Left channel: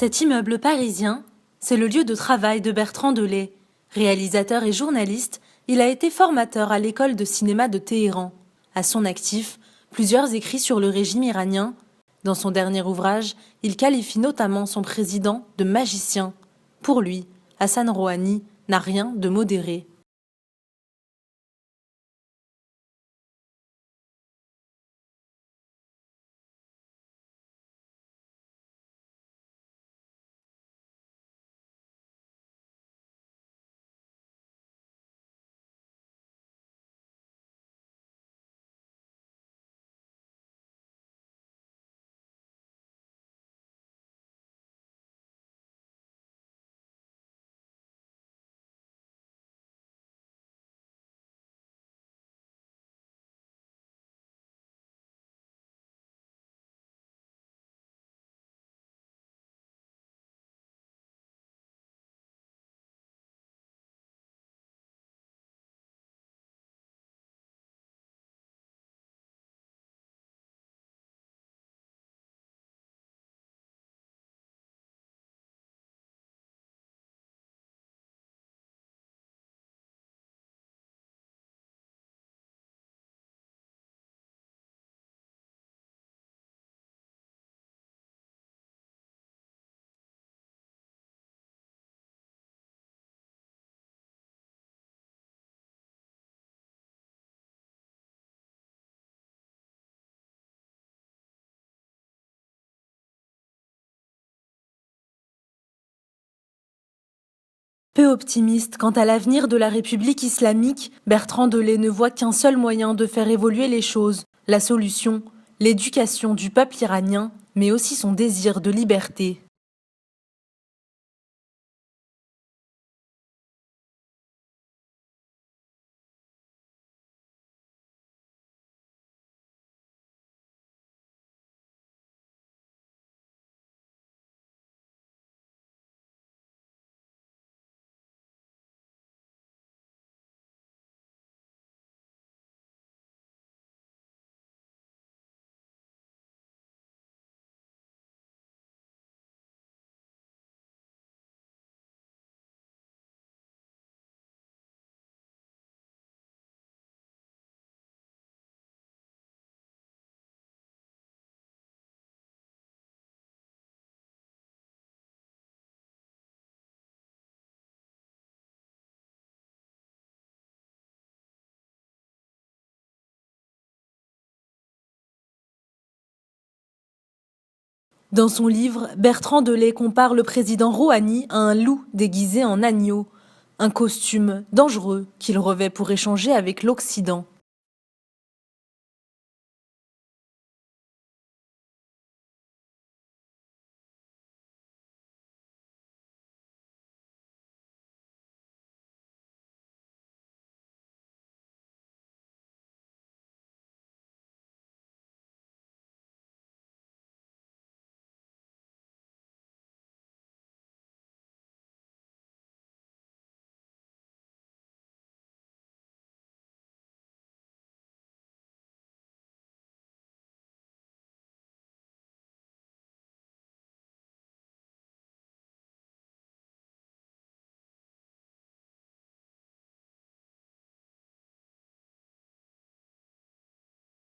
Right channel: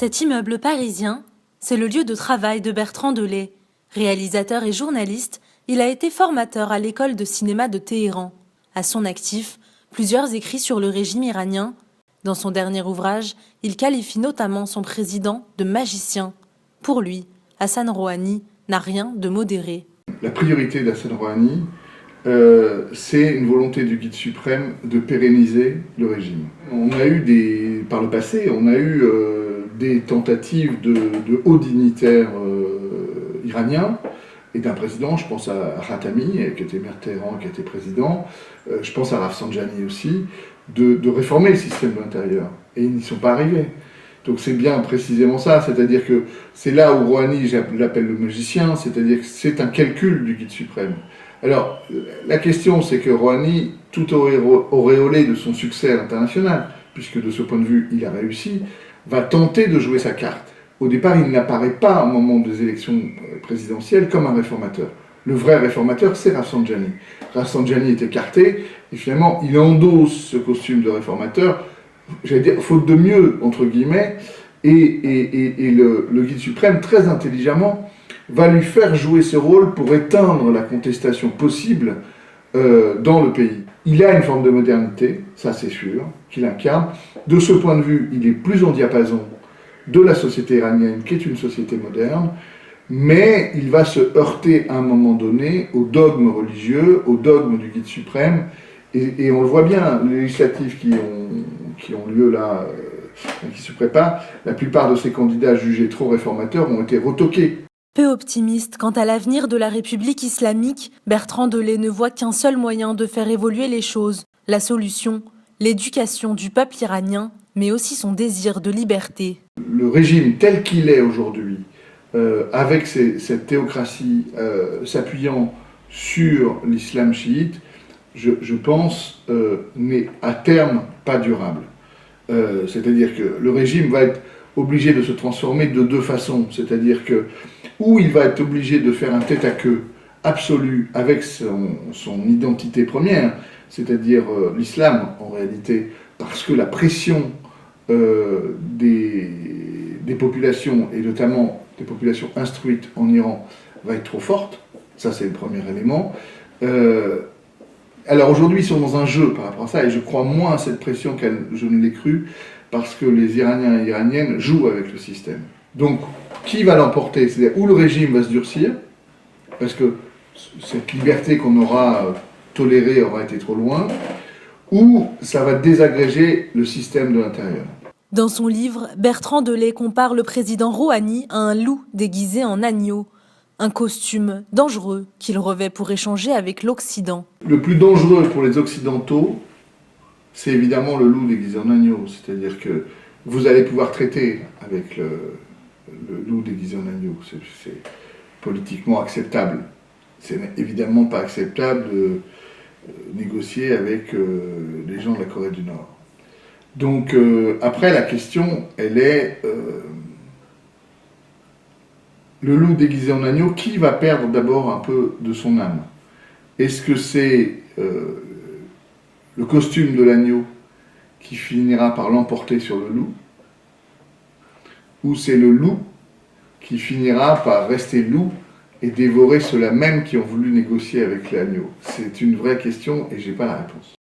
Cet immeuble parisien, c'est le lieu de travail de Bertrand Delay. Réalisateur et journaliste, il a été formateur à l'école de cinéma de Téhéran. À son actif, plusieurs écrits sur le régime iranien. Dans son dernier ouvrage, il qualifie notamment son président de magicien. Pour lui, Hassan Rouhani n'a rien de modéré. La priorité d'Hassan Rouhani, c'est une volonté du guide suprême de pérenniser le régime. On a eu par le passé, des tentatives de hauts dignitaires iraniens et d'un président, je pense à Khatami, qui était maire de Téhéran, qui était président, je pense à Rafsanjani aussi, de réformer le système de l'intérieur. Et ils n'y sont pas arrivés. Donc c'est bien précisément ça, c'est-à-dire que c'est là où Rouhani, je l'appelle le magicien, c'est-à-dire que c'est un calcul du guide suprême. Alors, la question, c'est que Rouhani, tout auréolé de son succès à l'international, puisque de ce point de vue, il a réussi, va tenter de jouer sa carte. Au départ, il n'apparaît pas au moment des élections présidentielles comme un réformateur. Le vrai réformateur, c'est Rafsanjani. Rafsanjani est écarté, et finalement, il endosse ce costume de réformateur, j'allais dire, faute de mieux, entre guillemets, et le guide suprême, très intelligemment, va lui faire jouer ce rôle pour éteindre la contestation possible dans le pays. Il a une forme de modernité, ça c'est sûr, qu'il incarne. De ce point de vue, il est plus en diapason de la société iranienne, qui est une société moderne, mais il va se heurter à un moment donné au dogme religieux, au dogme du guide suprême, et on le voit bien, les législatives qui ont lieu là, qui se préparent, la plupart de ces candidats jugés trop réformateurs ont été retoqués. Peu optimiste quant à l'avenir de la République islamique, Bertrand Delay ne voit qu'un seul moyen de faire évoluer les choses. La solution, l'éducation du peuple iranien, mais aussi son désir de liberté. Le régime tel qu'il est aujourd'hui, avec cette théocratie s'appuyant sur l'islam chiite, je pense, n'est à terme pas durable. C'est-à-dire que le régime va être obligé de se transformer de deux façons. C'est-à-dire que, ou il va être obligé de faire un tête-à-queue absolu avec son identité première, c'est-à-dire l'islam en réalité, parce que la pression des populations, et notamment des populations instruites en Iran, va être trop forte. Ça, c'est le premier élément. Alors aujourd'hui, ils sont dans un jeu par rapport à ça, et je crois moins à cette pression que je ne l'ai cru, parce que les Iraniens et Iraniennes jouent avec le système. Donc, qui va l'emporter? C'est-à-dire où le régime va se durcir, parce que cette liberté qu'on aura tolérée aura été trop loin, ou ça va désagréger le système de l'intérieur. Dans son livre, Bertrand Delay compare le président Rouhani à un loup déguisé en agneau. Un costume dangereux qu'il revêt pour échanger avec l'Occident. Le plus dangereux pour les Occidentaux, c'est évidemment le loup déguisé en agneau. C'est-à-dire que vous allez pouvoir traiter avec le loup déguisé en agneau. C'est politiquement acceptable. C'est évidemment pas acceptable de négocier avec les gens de la Corée du Nord. Donc après, la question, elle est... le loup déguisé en agneau, qui va perdre d'abord un peu de son âme? Est-ce que c'est le costume de l'agneau qui finira par l'emporter sur le loup? Ou c'est le loup qui finira par rester loup et dévorer ceux-là même qui ont voulu négocier avec l'agneau? C'est une vraie question et je n'ai pas la réponse.